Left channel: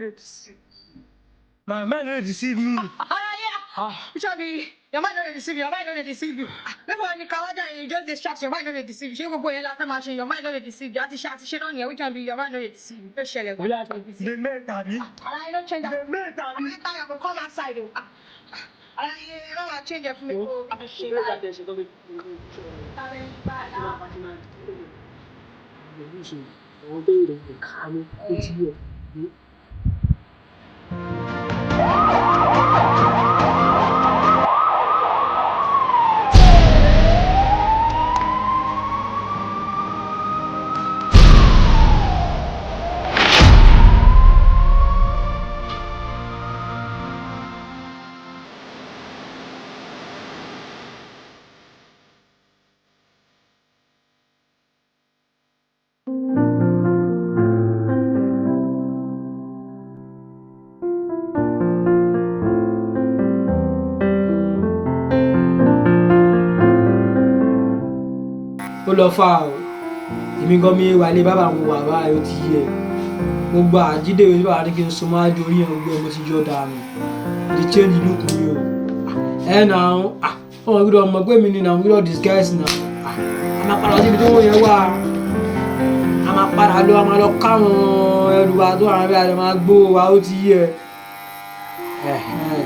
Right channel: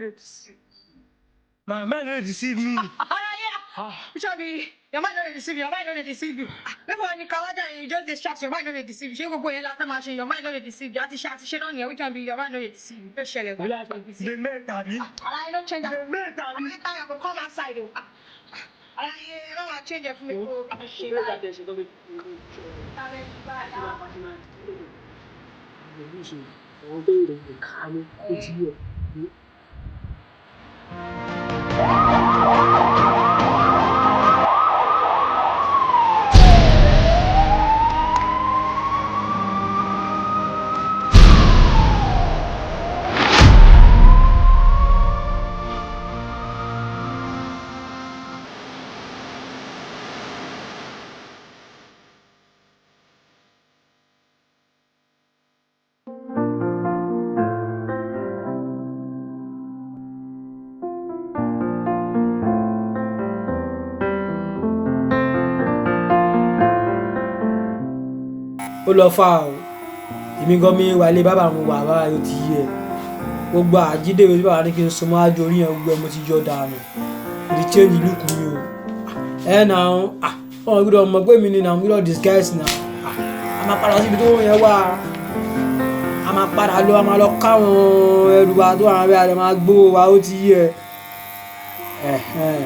don't deceive. My mind don't deceive me. Your mind don't deceive you. Your mind don't deceive you. Maybe when you come out and you just distract, your mind don't deceive you. You go in last machine, your mind don't deceive you. Ati shit on you. We can be your mind don't deceive you. Just share it. The mentality. I don't change that. The mentality. I will come outside. I don't change it for me. ó lọ fà ó èmi gan mi wà lé bàbá mi wà báyìí ó ti yẹ gbogbo àjídé ìwé bàbá ní kí n sọ máa di orí yẹn gbogbo mo ti yọ dànù the change look mi o nà wọn gbọ́dọ̀ mọ̀ pé mi ni nà gbọ́dọ̀ disguise nà a máa padà síbi tó wọ yẹn wá a máa padà lọ a máa lọ káwọn ẹrù wa tó àwọn abẹ́ àdé máa gbó wa ó ti yẹ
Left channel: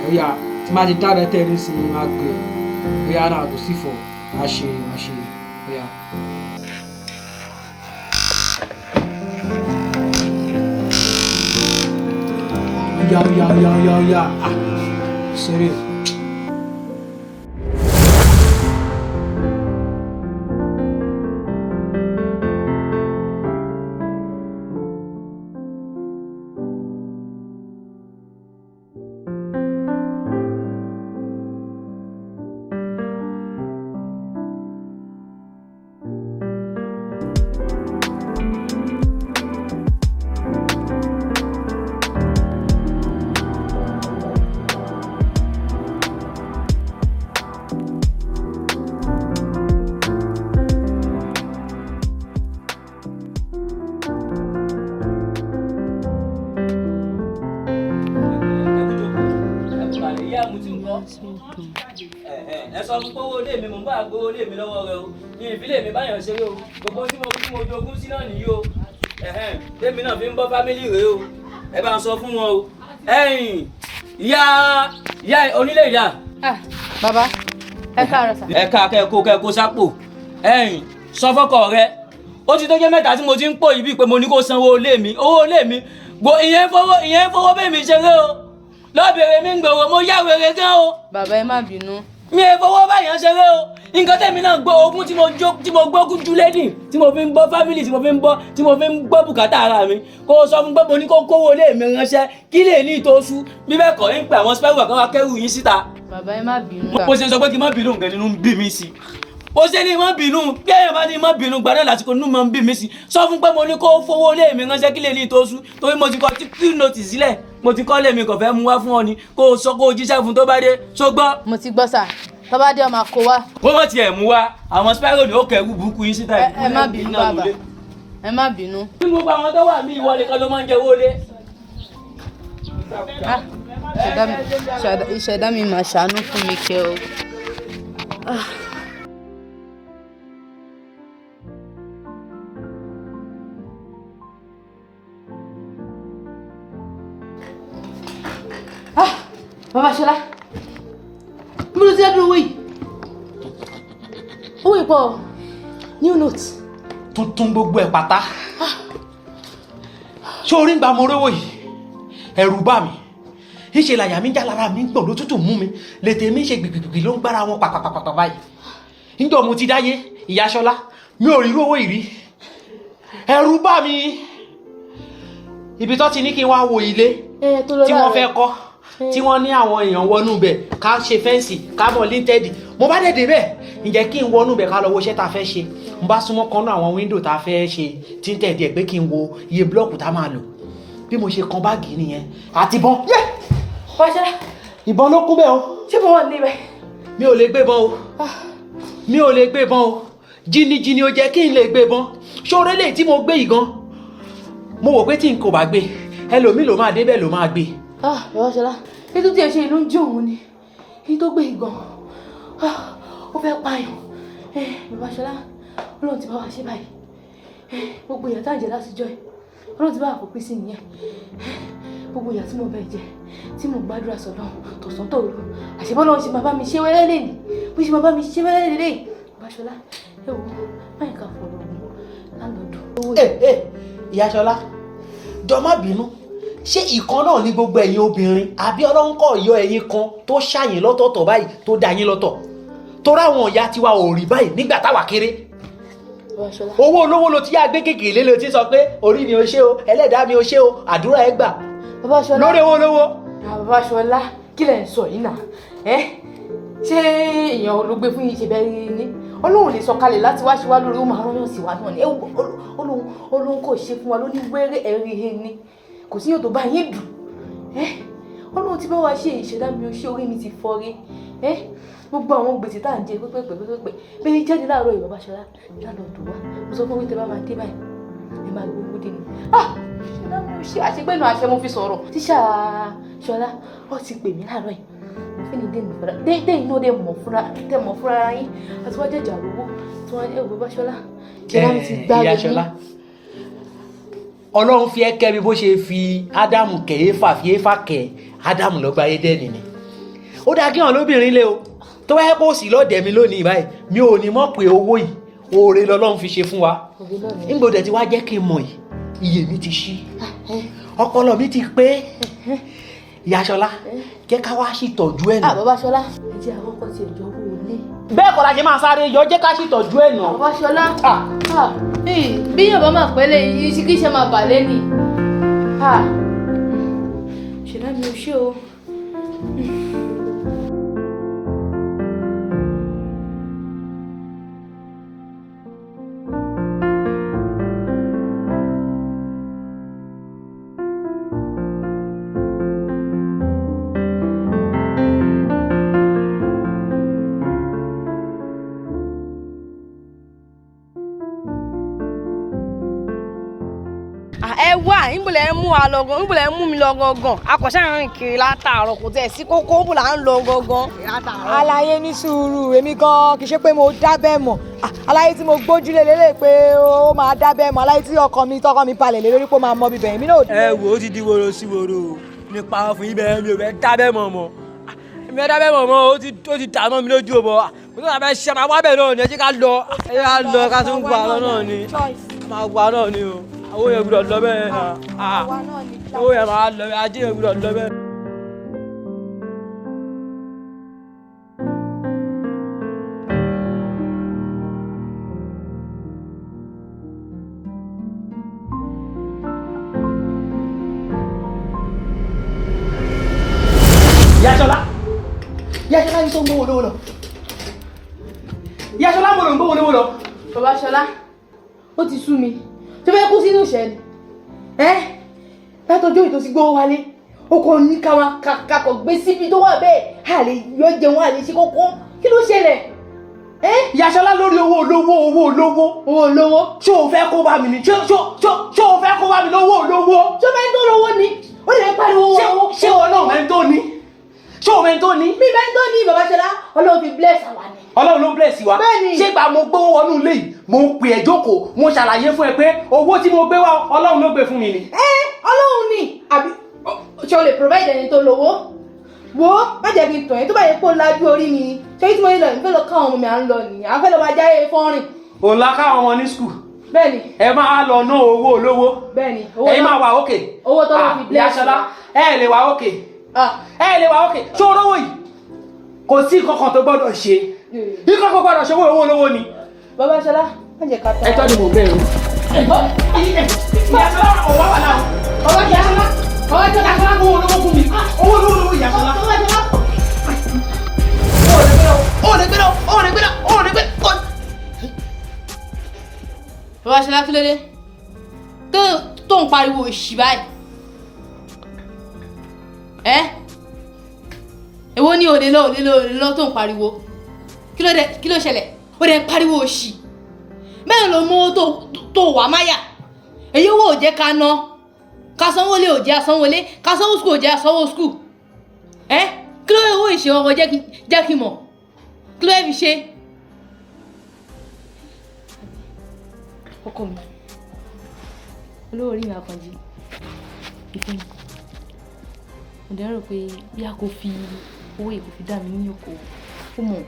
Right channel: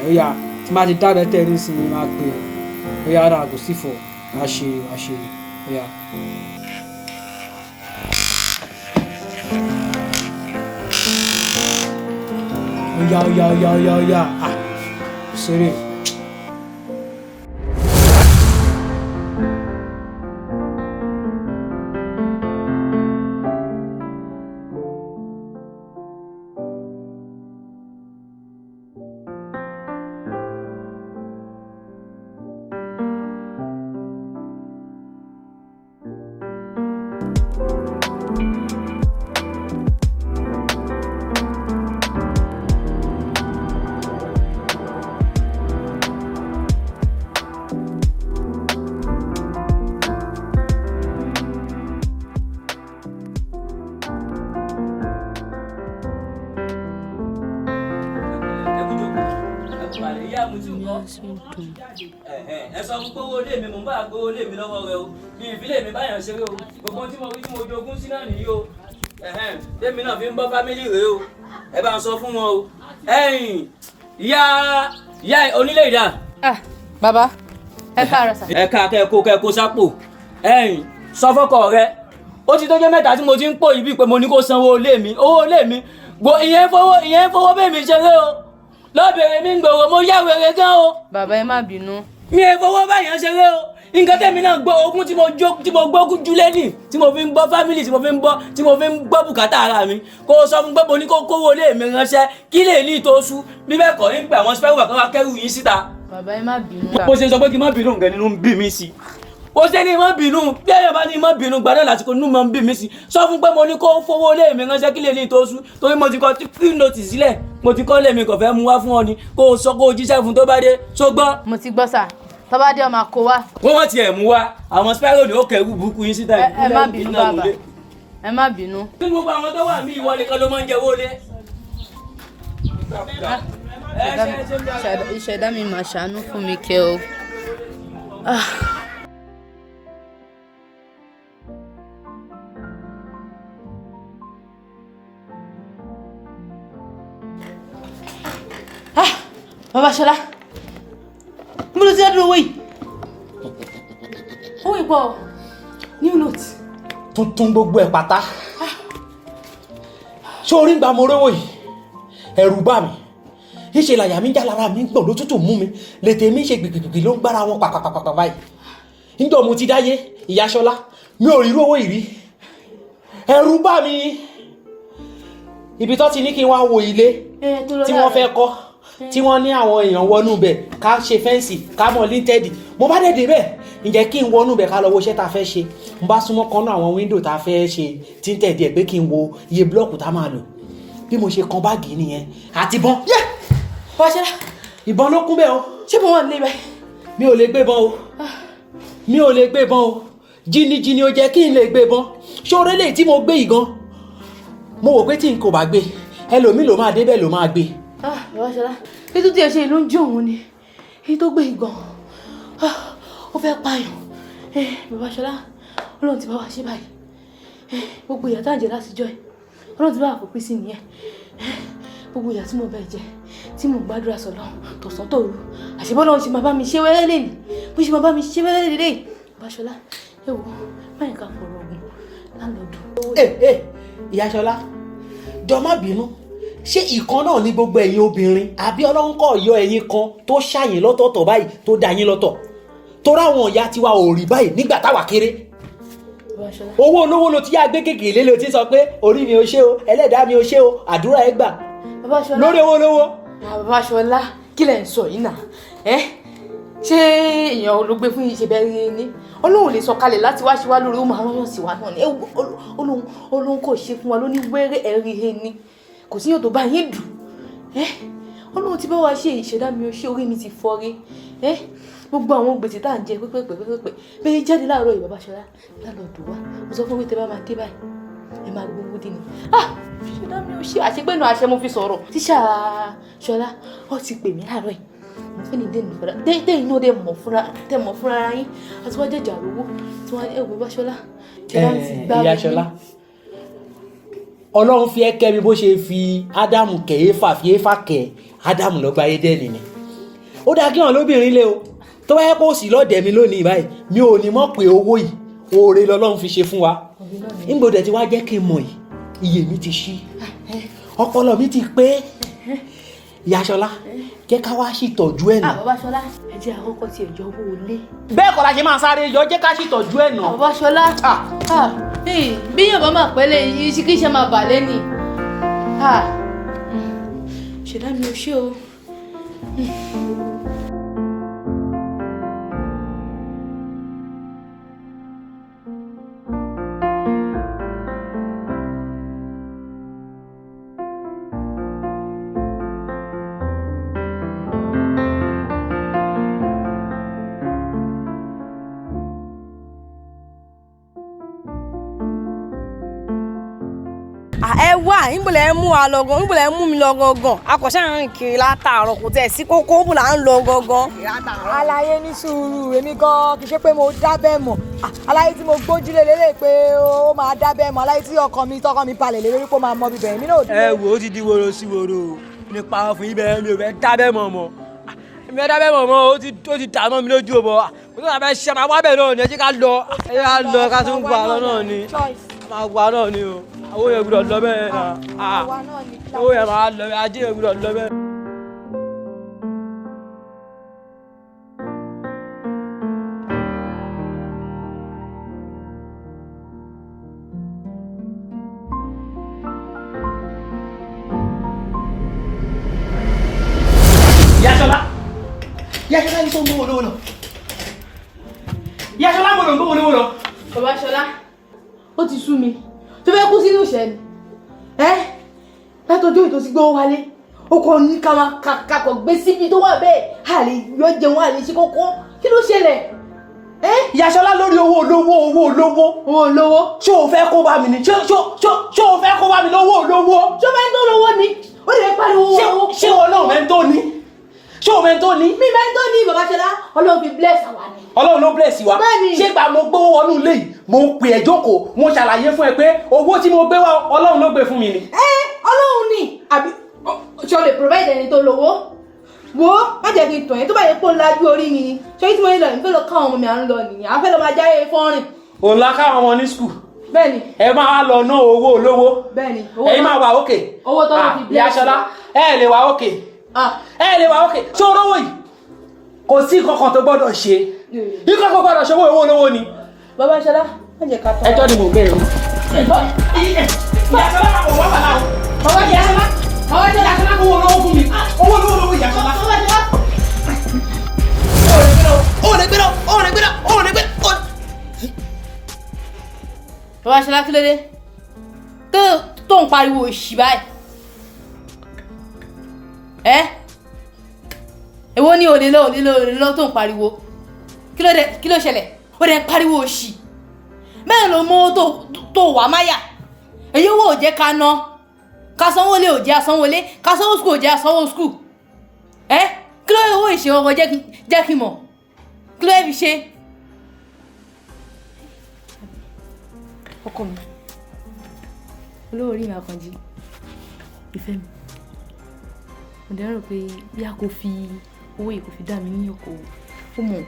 ó yá tí máa ti dáadọ́ tẹ̀ ní sinmi máa gbé ó yá náà kò sí fọ̀ wá ṣe ó yá. Oya. Seré. ẹ sọ fún gbówó lé mi mò ń bá gbówó lé mi lọ́wọ́ rẹ o ní ìfilé mi báyọ̀ ṣeré o gbogbo tí mo jogún sí náà nìyí o gbémi náà fi ń bọ́ fámílì rèé o ẹ bá ń sọ fún wọn o ìyá onílé ìdá. Bàbá ẹ káàárọ̀ sà. ẹ ká kẹ́kọ̀ọ́ sápò sọ fọ́kọ rẹ ó ti tó jẹ́ mẹ́ta tí mo ti ń pò yìí bíi pé mo ní kó sanwó ilé mi owó ilé mi ìyẹn fowó bẹ́ẹ̀ mi ṣeré o lọ́bẹ̀rẹ̀ mi ń gbòòrò mo yá wèrè gan o. Bàbá ẹ má bínú. mi ò fowó báyàn ṣeré o nǹkan tẹ̀mí náà gbọ́ ogún tí mo gbógun jù lẹ́nì tí mo fi ń bọ́ fámìlì tí mo fi ń gbọ́ bùkátà ara mi kó o sọ fún pé mo ní kó kówó lé mi ránṣẹ́ kí lè ní ìtòsú bí bẹ́ẹ̀ kọ́ ní pé àwọn spẹ́rù kan wá kẹ́rù yín síta. Bàbá ẹ má bínú. mo ṣe sọ pé kí n má bínú nǹkan nínú ń bí mi sí ó ṣe ní má bínú bí ẹ̀yàn bá ní má bínú gbadá lásìkò nínú mọ́ ń bí mi sí sọ fún pé mo ní kó fowó lé mi ránṣẹ́ kí lè ní ìtòsú torí mo ti kọ́ tí nọ́ọ̀tì sílẹ̀ mo ti kọ́ lé mi kò fẹ́ mú wá fún ọ ni kó o sọ kó o jíṣẹ́ fún tó bá dé ṣógbọ́n. Mo ti gbọ́ sà tó bá dé ọmọ kó wá. wọ́n mọ̀ tiẹ̀ mú wá àwọn spẹ́rù ni ó kẹ́rù burúkú yín síta. ẹ má bínú bàbá ẹ má bínú. kí gbogbo àwọn tó wà mí ìwọlé kan ló máa ń jẹ owó lé. Ìṣẹ̀dá mi mà ṣàánú fún mi kẹ́ o. Bàbá Ṣọlá mo lọ sí ẹdùn owó yìí owó ìpọ̀ new note. Tuntun gbogbo ẹ̀ pátá ṣé orí ń gba mo rówó yìí ẹ̀rù bà mí ìṣe làyà mi já lára mi gbọ̀n ló tútù mú mi lètè mi ṣe gbìgbìgbì ló ń gbára wọn pàpàpàpà báyìí níjọ́ mo ti dáyé ìyá Ṣọlá mi ò rí owó yìí rí ẹ̀rù bà mí ibi tó ti ní kí n wá wo ilé tí wọ́n fẹ́ kọ́ tí wọ́n ní àwọn èèyàn wọnú bẹ̀ ká ṣe fẹ́ǹsì ká mọ̀ linted mo bá dẹ̀ débẹ̀ ǹjẹ́ kí n wọnú bẹ̀ ká lọ wo iṣẹ́ tá a fẹ́ ṣe n bá súnmọ́ kan náà àwọn wíńdò tá a fẹ́ ṣe tinted ẹ̀ pé kí n wo iye blọ́ọ̀kù tá a máa lò bí mo ṣe kan báàgì nìyẹn àti ìbọn. ìbọn ló kún bẹ́ẹ̀ o. ṣé mo wà níbẹ̀. mi ò lè gbé bọn o jìnnìjìnnì ò jẹ́ kí n lè gbé bọn ṣóore lè tí mo gbé yìí gan mo wò pé tí n kò bá gbé ẹlòmíì ló máa débẹ̀ ló máa gbé. Bàbá Ṣọlá ètò tí ẹ ṣe ló ń jó òun ni èyí tó gbé ìgbọ̀n ó fẹ́ pààyàn. Bàbá Ṣọlá Ọlọ́run ti bá wa ṣe báyìí gbogbo ìyà tá à ń jẹ lásìjọ́ ẹ̀ Ọlọ́run ti bá wa kó pín sí nìyẹn gbogbo ìyà tí mo bá jẹ tí mo gbàdúrà sọ̀rọ̀ tọ̀sán tòru àṣebọ́lọ́ ṣe máa bá mi ṣe wẹ́rẹ́ lè ní bó ṣe máa bá mi ṣe wẹ́rẹ́ lè lè Bàbá Ṣọlá ẹ wò báyìí ká fọ̀rọ̀ ọ̀gbìn lálọ́dún. Ìyá Ṣọlá jọ má bínú ṣé ìkan náà ní gbogbo ẹ̀yin obìnrin àbí Ọlọ́run kò yọ ẹ̀yin kan tó ṣàyìn lọ́tọ̀ọ̀tọ̀ báyìí tó dá yín lọ́tọ̀ torí àwọn ìyá tiwa ò rí báyìí nígbà táwa kéré owó olówó ló ti yá gbé kékeré ló ti sọ pé orí mi ò ṣe o ẹlẹ́dàá mi ò ṣe o àdúrà ẹ gbà lórí owó olówó. Bàbá Ṣọlá kí lẹ̀ ń sọ yìí náà ṣé èèyàn ló gbé fún yìí ṣe bẹ́ẹ̀ ni Ọlọ́run lè sọ kalẹ̀ láti wá ṣe wá lórí ó máa wọ́n sí wa náà ni Ọlọ́run kò ṣe fún wa lóní wẹ́rẹ́ ẹ̀rí he ni kò sí yóò tó bá yín dùn Ọlọ́run ti bá wa ṣe ìṣẹ̀dá mi ò ṣe orí mi ti fọ́ rí gbogbo àwọn gbèsè tá à ń jẹ pẹ́pẹ́pẹ́pẹ́ bẹ́ẹ̀ jáde láàárọ̀ yìí Bàbá Ṣọlá lálọ́dún wa mo sọ fún mi tẹ́ bá máa dé báyìí ẹ máa gbowó dé ni ìṣẹ̀dá mi ò ṣe àṣegbẹ́nu àṣẹ mo fi sọ̀rọ̀ tíṣà Ṣọlá ó ti pè mí láàárọ̀ yìí mo fẹ́ ni dẹ́nu fúnra dẹ́yìn náà dẹ́ mọ̀ fúnra ara yín àti wọ́n jẹ́jà rówó tí wọ́n ẹ̀ Bàbá Ṣọlá ṣẹlá mi ti gbá Ìyá Ṣọlá Ọlọ́run fi ẹ́ kẹ́ mi bó ṣe fi Ádámù kẹ́ Éfà fi Éfà kẹ́ Ádámù lọ́gbà Édẹ́nì ni ó dáa kí wọn lóbìnrin lé o tó wáyé kó sì lọ́ọ̀dẹ̀ mi lónìí báyìí mi ò ní mọ̀ pé owó yìí oore lọ́lọ́run fi ṣe fún wa nígbòdẹ̀ tí wàá jẹ́ kí n mọ̀ yìí iye mi ti ṣí ọpọlọ mi ti pé Ìyá Ṣọlá jẹ́ ká wá ṣìtọ́jú ẹ̀ nà. Bàbá Ṣọlá ẹ jẹ́ àkọ́kọ́ ti ẹ̀jọ̀ owó ilé. bẹ́ẹ̀ kọ́ la ṣe máa sáré yọ jẹ́ ká ṣìtọ́jú ẹ̀ nà. Bàbá Ṣọlá bí yóò bá máa pẹ́lẹ̀ yìí kí ṣe máa bà lẹ́nì ṣẹlá mi ò ṣe o. ẹ wá ìbùlẹ̀ mú wa lọ gan ìbùlẹ̀ mú mi lọ gangan akọ̀ṣẹ́ rìn kiri látàárọ̀ kò tẹ̀ sí kókó bù là ń lọ gangan. aláyé ní sùúrù èmi gan kì í ṣe pé mo dábẹ́ mọ̀ aláyé tí mo gbójúlé lélẹ̀ pé ó máa dábẹ́ mọ̀ aláyé tí tọkọ mi balẹ̀ lé lórí pé ó máa mọ bíbẹ̀ èmi náà. ẹ wò ó ti di woro sí woro nípa fún ibẹ̀ mi ò fẹ́ dábẹ́ mọ̀ mọ́ mi ò dábẹ́ mọ̀ mọ́ ó ti dà mọ́ mi lójú o bọ̀ mo tún bá ṣe máa wá bẹ̀ náà ni ẹ jẹ́ ká lọ ká tún wà náà ni máa wà náà ni o owó yẹn gbọ́dọ̀ lọ bẹ́ẹ̀ náà owó yẹn máa lọ bẹ́ẹ̀ ajé yẹn gbọ́dọ̀ lọ bẹ́ẹ̀. Ìyá Ṣọlá ní tó ń gbówó lówó lọ Ìyá Ṣọlá mo lò ń gbówó lówó lọ. Bàbá Ṣọlá ó ti sú mi tó fẹ́ kú sínú ìṣẹ́ ni látọjọ́ ìtòsí gbówó wálé ó kọ́ ní kakọ̀ gbé síbi tó wà bẹ́ẹ̀ a lè yọ jẹun a lè ṣe kókó kí ló ṣẹlẹ̀. Ìyá Ṣọlá lórí owó olówó ṣé o fẹ́ kó bá mi ni ṣé o fẹ́ kó bá mi lówó olówó. ṣé o fẹ́ tó lówó ni ó lè pariwo owó. ṣé wọn náà mẹ́ńtó ni ṣé o mẹ́ńtó ni. mi mẹ́ńtó ni Bàbá Ṣọlá Ọlọ́run fi bless àwa ni. Ọlọ́run ló bless wa ṣé gba mo gbówó wọnú ilé yìí mo pè ẹ́ jókòó mo ṣàlàyé fún ẹ pé owó tí mo gbé wá Ọlọ́run ló gbé fún mi ni. Ọlọ́run ni àbí ṣé o lè provide ẹni tó lówó wo má jẹ́ kí n tàn yẹn tó bá yẹ kó lajú orí mi ni ṣé tí mo ń lọ yìí fẹ́ lọ káwọn ọmọ mi à ń lọ nìyẹn àwọn fẹ́ lọ máa jáde fọ́nrìn. òun la káwọn ọmọ ní skul. bẹ́ẹ̀ni. ẹ máa lọ ná owó olówó. bẹ́ẹ̀ni. ẹ̀yin máa wà òkè. owó tó lọ fi bless. Ìyá Ṣọlá ẹ lè wà òkè. ẹ lè wà òkè ṣé olówó yìí kò sí kankan tó gbọ́dọ̀ ṣe ikọ̀ kò gbọ́dọ̀ ṣe owó olówó ni. Bàbá Ṣọlá má jẹ́ ká tọ́. ẹjọ́ ni mo bẹ̀rù. Ìyá Ṣọlá ò wá wà láwọn. Bàbá Ṣọlá Ìyá Ṣọlá kó owó olówó fún mi owó olówó Ìyá Ṣọlá. Bàbá Ṣọlá kí ló dé tó ń pariwo òṣì báyìí èwo ni òde lọ tó ń pariwo kí ló ṣẹlẹ̀ ó dẹ̀ ń pariwo òṣì mẹ́rin ló mú owó tó wà máyà èyí owó ò jẹ́ ká ná ká sanwó lé ò jẹ́ sanwó lé, ká sanwó school ò jẹ́ sanwó school. Kí ló owó ìṣe ọkọ̀ jẹ́ kí mọ̀? Kí ló fi ṣe? Ọkọ mi. Olówó orí mi Àkànjí. Ìfẹ́ mi. Mo dẹ̀ rò pé bí a kò fi owó yìí kò fi dá mi ní oko ó mọ̀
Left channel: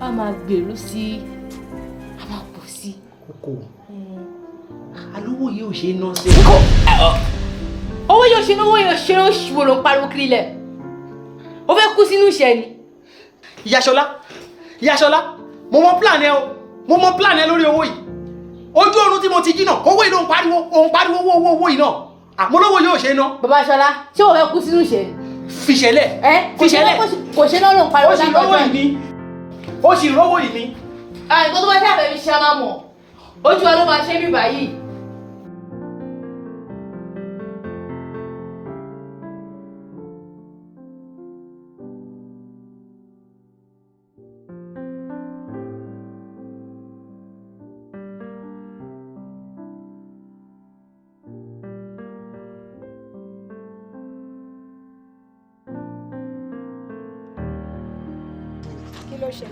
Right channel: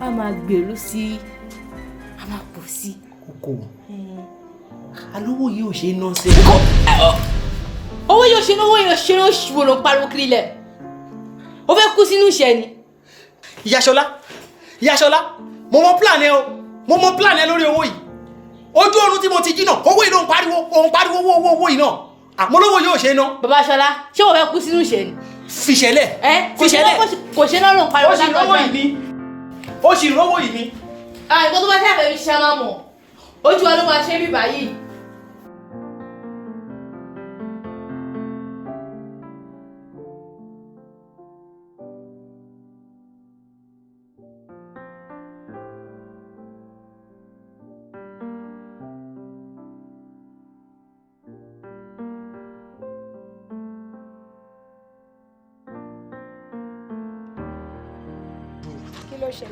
a máa gbèrú sí a máa pọ̀ sí. Oko alówó yìí ò ṣe é ná sí. Owó yóò ṣe ló ṣùgbọ́n ló ń pariwo kiri lẹ̀. Ó fẹ́ kú sínú ìṣẹ́ ni. Ìyá Ṣọlá mo mọ plan ẹ lórí owó yìí. Ojú oorun tí mo ti jí náà owó yìí ló ń pariwo owó yìí náà. Àmọ́ lówó yóò ṣe é ná. Bàbá Ṣọlá ṣé wọ́n fẹ́ kú sínú ìṣẹ́ ni? Fìṣẹ̀lẹ̀. Kò ṣe náà ló ń pariwo láti ọjọ́ yìí. Ó sì rówó yìí ni. Nǹkan tó bá ṣe àbẹ̀mí ṣe máa mọ̀. Ojú wa ló máa ṣe bí báyìí.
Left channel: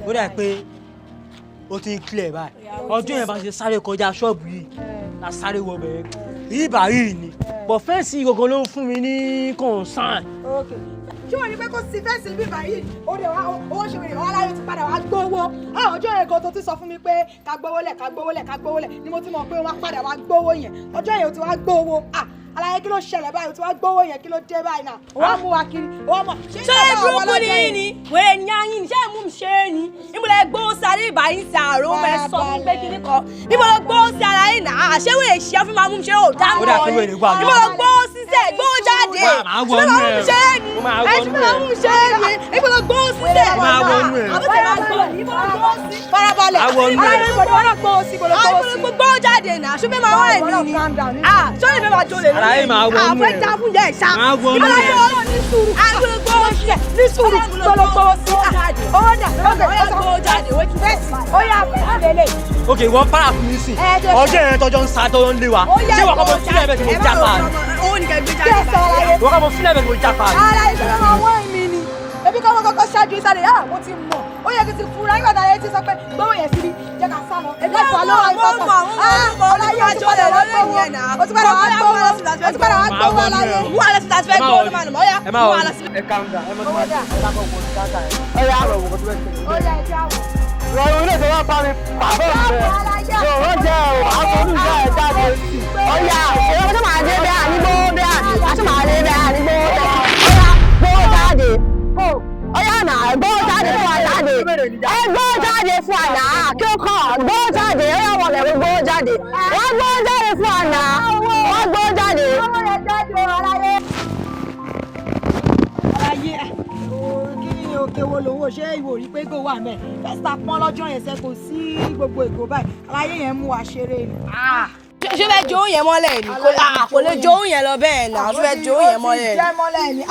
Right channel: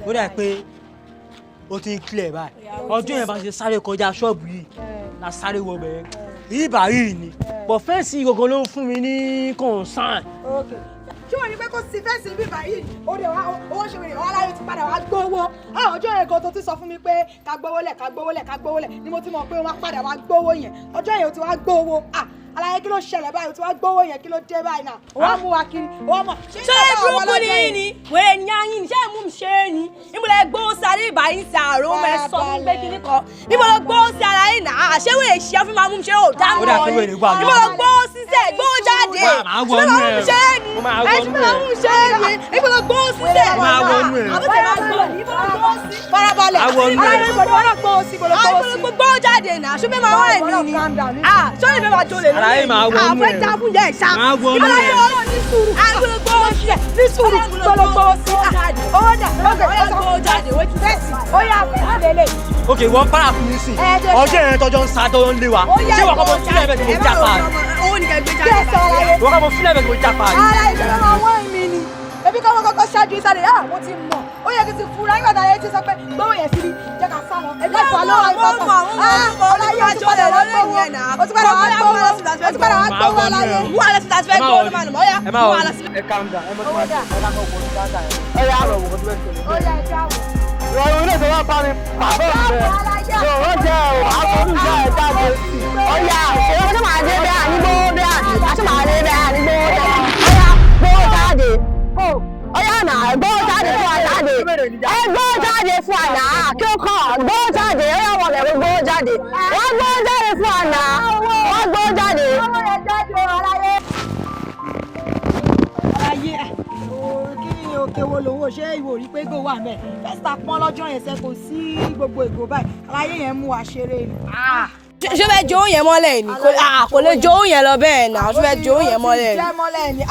ó dà pé ó ti ń clear báyìí ọdún yẹn bá ṣe sáré kọjá ṣọ́ọ̀bù yìí la sáré wọ bẹ̀rẹ̀ yìí báyìí ni but fẹ́ǹsì gangan ló ń fún mi ní concern. ṣé wọ́n ní pé kó sí fẹ́ǹsì bí báyìí ó dé wá owó ṣe wèrè wá láyé ti padà wá gbówó ọjọ́ yẹn gan tó ti sọ fún mi pé ká gbówó lẹ̀ ni mo ti mọ̀ pé wọ́n á padà wá gbówó yẹn ọjọ́ yẹn ó ti wá gbówó aláyé kí ló ṣẹlẹ̀ báyìí tí wọ́n gbówó yẹn kí ló dé báyìí náà wọ́n mú wa kiri wọ́n mọ̀. ṣé burúkú ni yín ni wèrè ní ayín ṣé mú mi ṣe é ni ìmúlẹ̀ gbówó sí alẹ́ ìbáyìí sí àrùn mẹ́ sọ fún pé kíní kan ìmúlẹ̀ gbówó sí ara yín náà ṣé wèrè ṣe fún máa mú mi ṣe ó dá mọ́ ọ ni ìmúlẹ̀ gbówó sísẹ̀ gbówó jáde ṣé máa mú mi ṣe é ni ṣé máa mú mi ṣe é ni ìmúlẹ̀ gbówó sísẹ̀ àbúté máa gbọ́ ni ìmúlẹ̀ gbówó sí. farabalẹ̀ gbówó jáde náà ṣé fẹ́ máa wá ẹ̀mí ni ṣé fẹ́ máa jolè àfẹ́ já fún yẹ ìṣá ìbáláyé ọ̀rọ̀ ní sùúrù àgbélógbó ṣẹ̀ ní sùúrù gbólógbó sí owó dà gbólógbó jáde wọ́n ti fẹ́ẹ̀sì ó yà fún lélẹ̀. ok wọ́n para fún mi sí ọjọ́ yẹn tọ́jọ́ ń sa tọ́jọ́ ń lé wa ṣé wọ́n kọ́ mo fílẹ̀ bẹ́ẹ̀ tí mo já pa ni. owó ni kẹ́ gbé jáde wọ́n kọ́ mo fílẹ̀ bẹ́ẹ̀ tí mo já pa ni. ara ìṣẹ̀lẹ̀ máa wọ́n mi ni ebi kọ́ kọ́kọ́ ṣáájú ìsàlẹ̀ mo ti mọ̀ ó yẹ kí n ti fura nígbà tá a yẹ ti sọ pé gbówó yẹn síbi jẹ́ ká sá lọ ebi ẹ̀fọ́ lọ́wọ́ ìpapọ̀ ọláyé o ti padà wá gbówó o ti padà wá gbówó ọláyé. wọ́n á lọ sí láti fẹ́ gbówó ló máa nà mọ́ ọ́yá wọ́n á lọ sí. ẹ calm down ẹ mọ tó máa ṣe ẹ ká kọ wọ ní dáadáa ẹ ẹ yà lọ wọ kó tó bẹ ṣẹlẹ̀. ó yẹ kí á wò. ìrọ̀rùn ilé ìṣòwò bá mi pàbọ̀ mi bẹ́ẹ̀ yóò jẹ́ o àkọ́dún ìjà ẹ̀ jáde sí. ọ̀yà òṣèré ọjọ́ máa dé bẹ́ẹ̀ ànígbó bẹ́ẹ̀ àti máa dé bẹ́ẹ̀ ànígbó ọ̀yà gbówó jáde ọ̀yà náà gbówó jáde fún wa jáde gbówó jáde fún wa náà kí ó kàn gbówó jáde ọ̀yà wọlé gbówó jáde wọ́n gbówó jáde fún wa náà wọ́n gbówó jáde. ayé kí ni òkè wo lòun ò ṣe ìwò rí pé gò wà mẹ́ fẹ́sítà pọ́n lọ́jọ́ yẹn ṣe kò sí gbogbo ìgò báyìí aláyé yẹn mú wa ṣeré ni. ṣé fẹ́ jó yẹn mọ́lẹ̀ ni kò lè jó yẹn lọ bẹ́ẹ̀ náà ṣé fẹ́ jó yẹn mọ́lẹ̀ ni.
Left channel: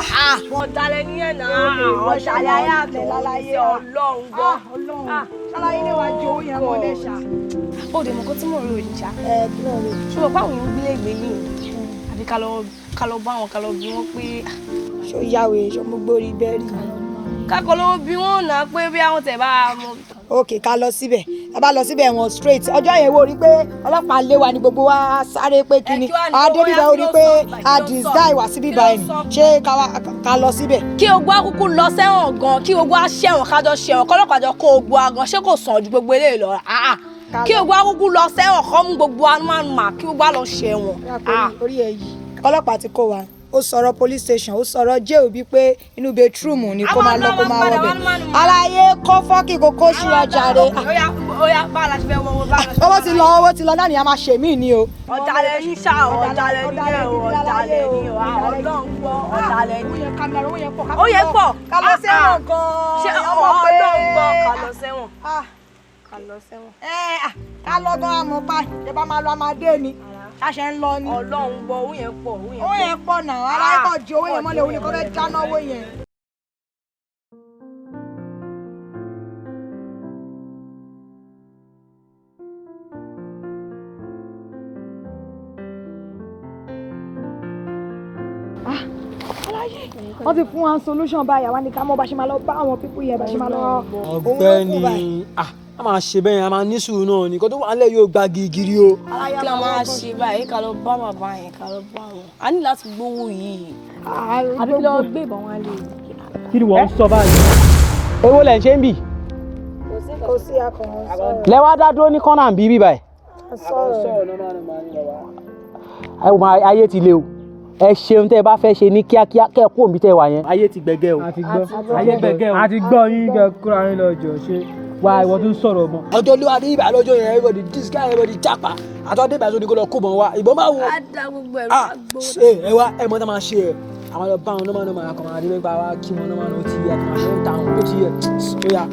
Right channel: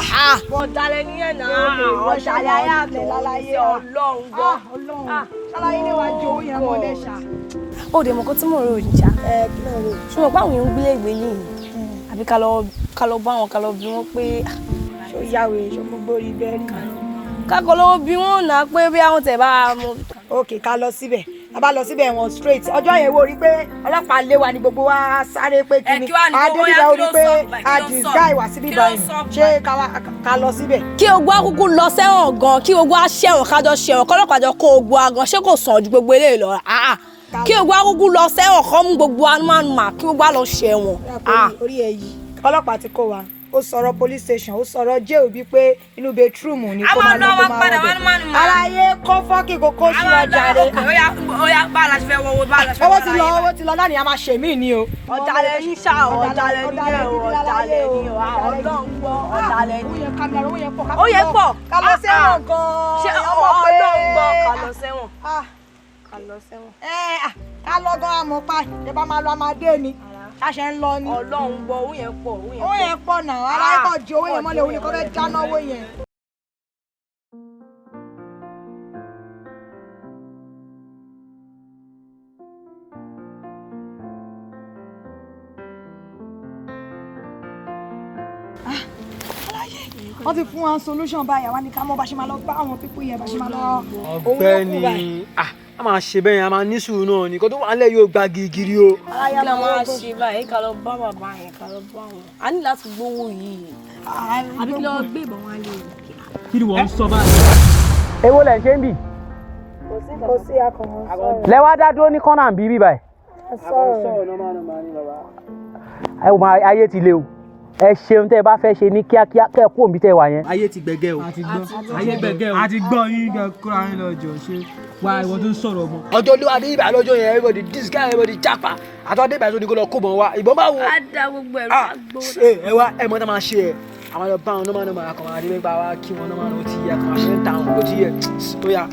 wọ́n dalẹ̀ níyẹn náà wọ́n ṣàlàyé ayé àtọ̀ lálàyé ọlọ́run gbọ́. ṣàlàyé ni wàá jó yẹn mọ́lẹ̀ ṣá. ó dẹ̀ mọ̀ kó tí mò ń rò ìjà ṣùgbọ́n báwọn èèyàn gbélé ìgbé yìí àbí ká lọ bá wọn ká lọ bí wọn pé. ṣé ó yàwé ṣé mo gbórí bẹ́ẹ̀rì. kákọ́ lọ́wọ́ bí wọ́n náà pé bí àwọn tẹ̀ bá mọ. ok ká lọ síbẹ̀ a bá lọ síbẹ̀ wọn straight ọjọ́ yẹn wo rí pé ọlọ́pàá lé wa ní gbogbo wa sáré pé kíni adébíbá ó rí pé a disguise wá síbí báyìí ṣé ká lọ síbẹ̀. kí ogun akúkú lọ sẹ́wọ̀n gan kí ogun aṣẹ́wọ̀n kájọ ṣẹ̀wọ̀n kọ́lọ́pàá jọ kó ogun agan ṣé kò sàn ju gbogbo eléyìí lọ kí ogun akúkú lọ sẹ́wọ̀n kọ́ mú gbogbo anúmọ̀nùmọ̀ kí ogun á lọ ṣẹ̀wọ̀n. orí ẹ̀ yìí ọlọ́pàá ti kó wa ó sọ̀rọ̀ police station ó sọ̀rọ̀ jail bí pé inú bedroom ni kó máa lọ kó máa wọbẹ̀ aláyé kó fọ́ọ̀kì kókó ṣíra jàre. óyá bá a la ti fẹ́ wọ́wọ́ bá a la ti fẹ́ wọ́wọ́. owó ti lọ náà ni a máa ṣe mí ni o. ọ̀dàlẹ̀ ní sá ọ̀dàlẹ̀ ní ẹ̀ ọ̀dàlẹ̀ ní ọlọ́run gbọ́ ọ̀dàlẹ̀ ní. ó yẹ pọ̀ ká lọ sẹ́wọ̀n gan-an. ṣé ọlọ́run gbọ́ ká lọ sẹ́wọ̀n. ká lọ gan-an àmọ́ pa ìjọba máa lọ amadé ni ṣàṣẹ ń lọ ni. ọlọ́run gbọ́ owó yẹn pọ̀ owó yẹn pọ̀ náà aláìkọ̀ ju owó yẹn mọ́lẹ̀ òun ni kò fẹ́ jáná owó yẹn. wọ́n ti fún wa solution báyìí àwa ní ká mọ̀ bá ṣe máa lọ bá àwọn pípú yẹn bá ṣe máa lọ. ọ̀gbẹ́ni a máa ṣe bẹ́ẹ̀ a máa ní sùúrù náà nìkan tó wà nílẹ̀ yóò gba gírígírí o. kí la máa ṣe báyìí ká lọ bá bàbá yẹn ká lọ bá wọn a ní láti gbowó yìí àbí kí lọ gbé ìbọn wọn lè. kí ni wọ́n ń sọ báyìí. èwo lẹ̀ ń ṣe ń bì. kò sí akọ̀wọ́n sọ̀rọ̀. lẹ́wọ́ dá dúró ní kọ́nà bíbí báyìí. ẹ wò ayé ti le o ẹ ṣeun tẹ́ ẹ bá fẹ́ ṣe ní kíákíá kẹ́ ẹ kú òbí tẹ́ ẹ wà yẹn. ayé ti gbẹgẹ o. ayé gbẹgẹ o. a ti gbọ́ yín kẹ́ kóra yín lọ jọ ṣe wá ìwọ tó ń sọ̀rọ̀ mọ́. ọjọ́ olúwa ní ibà lọ́jọ́ yẹn everybody disguise everybody japa àtọ́dé ìbà tó ní kó lọ kó bọ̀ wá ìbọn máa wo. a da gbogbo ẹ̀rọ agbowó. ẹ wá ẹ mọ tá máa ṣe ẹ àwọn ọjọ́ bá wọn nọ́mà àkànmọ́ àdébẹ́gbà wa kí wọn nọ́mà ó ti yẹ àkànmọ́ àṣẹ ń ta wọn ó ti yẹ ó yà.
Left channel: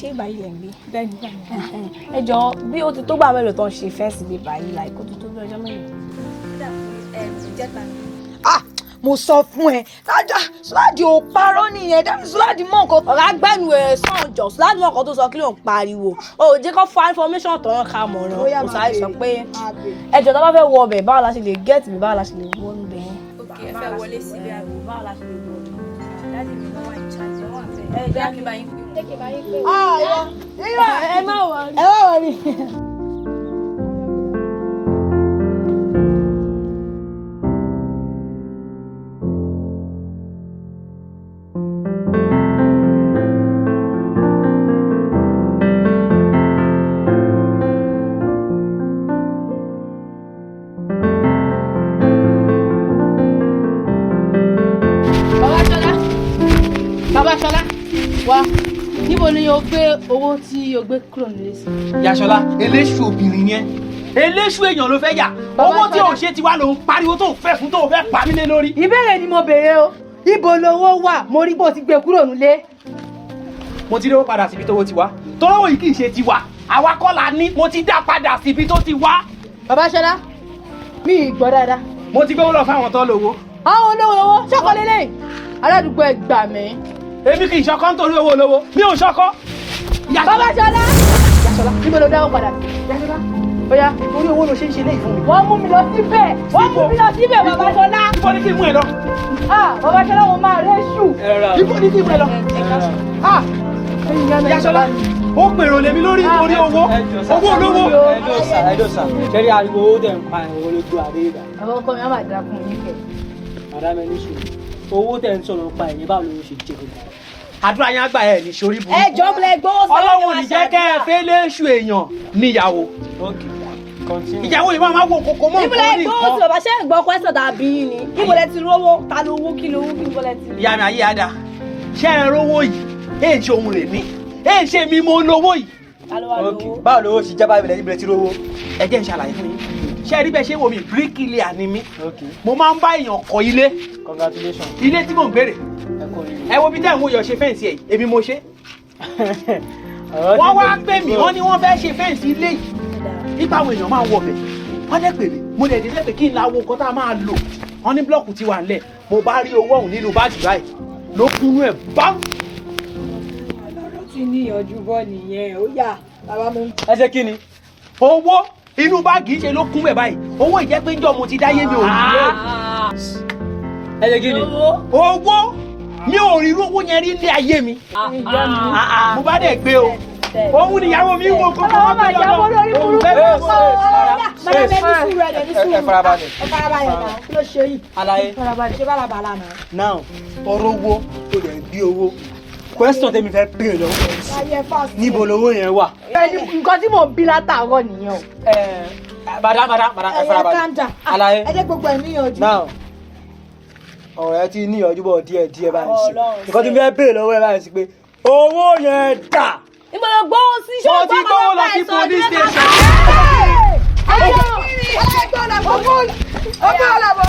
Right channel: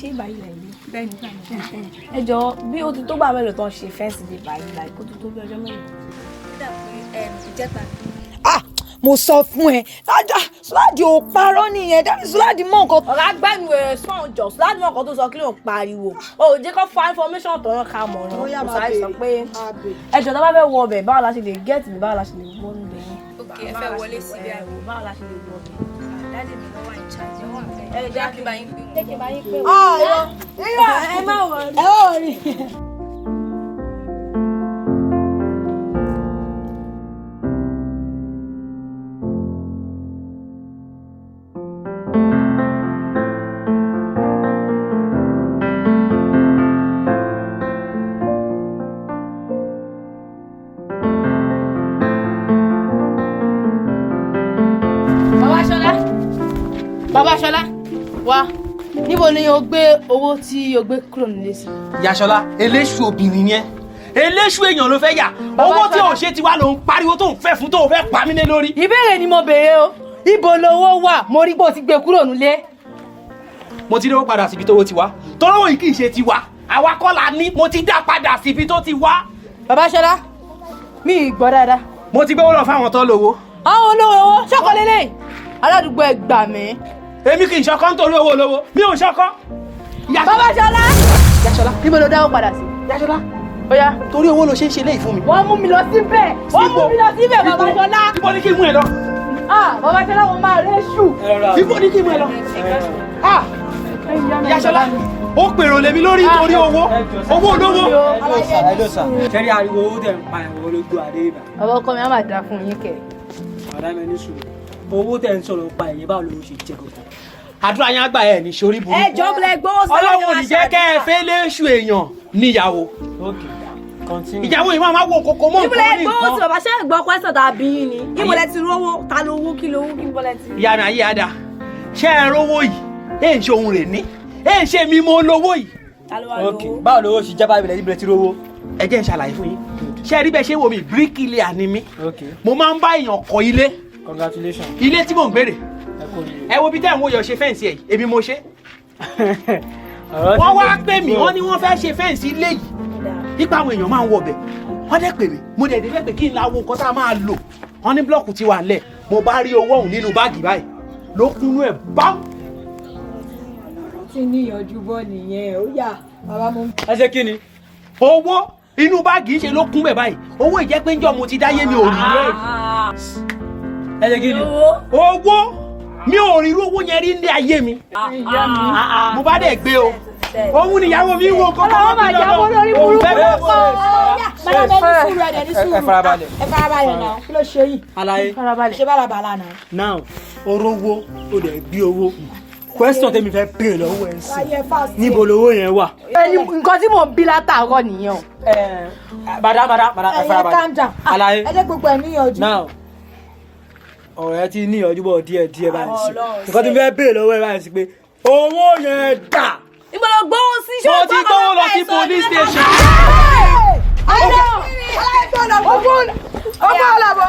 ṣé ìbáyìí lẹ̀ ń gbé ẹ jọ bí ó ti tó bá mélòó tó ń ṣe fẹ́ǹsì lè báyìí láì kó tó tó bí ọjọ́ mélòó. ó dà pé ìjẹta ni. mo sọ fún ẹ tájà Sùládì ò parọ́ nìyẹn dábì Sùládì mọ nǹkan. ọ̀rọ̀ agbẹ́nu ẹ̀ sàn jọ Sùládì mọ̀ nǹkan tó sọ kí ló ń pariwo o ò jẹ́ kó fa information tọ̀yàn ká mọ̀ràn kò sáré sọ pé ẹjọ́ tó bá fẹ́ wọ ọbẹ̀ báwo la ṣe lè gẹ́ẹ̀tì mi báwo la ṣe lè wọ ọbẹ̀ yẹn. ok ẹ fẹ́ wọlé síbi àgbò báwo la ṣe lè wọ ọbẹ̀. dáàdì mi ló wà ní charge wọn àfẹ́ ẹ jẹ́ kí n bá yín pé ẹ má wọrí. Bàbá Ṣọlá wá níbo ni o gbé owó tí o gbé kúrò nílé sí. Yàṣọlá eléṣù obìnrin yẹn eléṣù èèyàn ló fẹ́ yà owó tí ò ṣe ti wá ló ń pariwo tó ń fẹ́ fún tó ń fẹ́ pa mí lé lórí. ìbéèrè ni mo béèrè o ibo lowó wà mo rí pé o ti gbé kúrò nílé. mo ti rí owó padà síbi tówó ti wá tọ́wọ́ yìí kì í ṣe ti wà àwa kọ́ la ní mo ti dá padà síbi tó ti wá. Bàbá Ṣọlá mi ì gbọ́ dáadáa. mo ti gbówó lọ fáwọn tó lówó. àwọn olówó ṣọkọ lélẹ̀ aládùúgbò ẹ gbà mí. èmi kì í ṣọkọ nítorí owó olówó mi ò ṣọkọ. Bàbá Ṣọlá. Yàṣọlá bí mo lọ dáwọ́ padà sí. Yàṣọlá bóyá torí owó ló ṣe ń ṣe léyìí fún mi. wọ́n mú mi lọ síbẹ̀ Bàbá Ṣọlá. ibo ni kí n mú ẹ lọ. Bàbá Ṣọlá mo máa rẹ́ ṣù. ibo ni kí n mú ẹ lọ. Yàṣọlá ó pèrò lèmi lórí nítorí owó olówó. sẹ́rí ariwo owó tẹ̀ ń pa ẹ̀wọ̀n lójú àdé ibà. àwọn ọkọ mi á máa dà fún yín kẹ. ọ̀dà mi ní sùúrù owó tẹ̀ ń sọ̀rọ̀ pa ẹ̀yìn báwo ló ṣe jẹ́ gbogbo. àdúrà yẹn àgbà ẹ̀ ní sórí burúkú. ẹ jọ bẹ̀rẹ̀ gbọ́ sọ́ọ́ ọlọ́run ò ní jẹ́ kẹ́ ẹ fẹ́ léṣù èèyàn níyàwó. ìyàwó yìí máa wo kókó mọ́ nǹkan ní nǹkan. ìbúlẹ̀ gbọ́ bàbá ṣe ń gbọ́ pẹ́sọ̀ tàbí yín ni ìbúlẹ̀ ti rówó ta ló owó kí ló owó kí ìbúlẹ̀ ti. ìyá mi ayé ada ṣé ẹ rówó yìí èyí ṣe ohun rè ní èyí ṣe mi mo lówó yìí. báwo lówó ṣe jábá ìbílẹ̀ ìbílẹ̀ ti rówó. ẹ jẹ́ n ṣàlàyé fún yín ṣé ẹ rí bẹ́ẹ̀ ṣe wo mi bíríkìlìà ni mí mo máa ń bá èèyàn kọ́ ilé. Congratulations. ilé tí mò ń gbèrè ẹ wo bí táwọn oyè ṣe fẹ́ǹsì ẹ̀ èmi mo ṣe. wọ́n wá pè mí wọ́n ní wọ́n fẹ́ ṣe fẹ́ǹsì ilé yìí nípa àwọn èèyàn máa ń wọbẹ̀ wọ́n dẹ̀ pè mí mo dẹ̀ dé fẹ́ pé kí n láwo nǹkan tá a máa lò wọ́n ní blọ́ọ̀kù ti wà lẹ̀ mo bá rí owó ọ̀hún nínú báàgì báyìí ló kúnú ẹ̀ bám. ti níyànjú bọ́ nìyẹn ó yà bàbá mo. ẹ ṣe kí ni. owó inú báàgì ṣe ló kún bẹ̀ báyìí owó ìjẹ́ pé jọ́ mo ti dáyé mi ò rí rẹ̀. ẹ ṣe kí ni. owó mi ò rí irú owó yẹn rí ní ayé mi. mo bá dẹ̀ gbé o òun níyàwó mi wò kókó wọn bẹ lọ́dọ̀ òun bẹ bẹ. ẹ farabalẹ̀. ẹ farabalẹ̀ náà kí ló ṣe yìí. alaye ṣé bàlàbàlà náà. now orówó o dẹ̀ bí owó question tèmi fẹ́ pè lọ́wọ́ ẹ̀ sí níbo lowó yẹn wà. nǹkan tí mò ń bí látàárọ̀ nìyẹn o. bàdá ẹ farabalẹ̀. alaye ẹ jẹ́ gbogbo ẹ̀ níyànjú. now ọ̀rọ̀ ẹ ti níyànjú bọ̀ díẹ̀ báyìí sí nǹkan tí mo fẹ́ pè lọ́wọ́ ẹ báyìí sí pé owó yẹn dà. ìgbọ́dọ̀ gbọ́wọ́ sí ṣé mo ti gbówó lọ sí police station. ọgbọ́n ọ̀làbọ̀.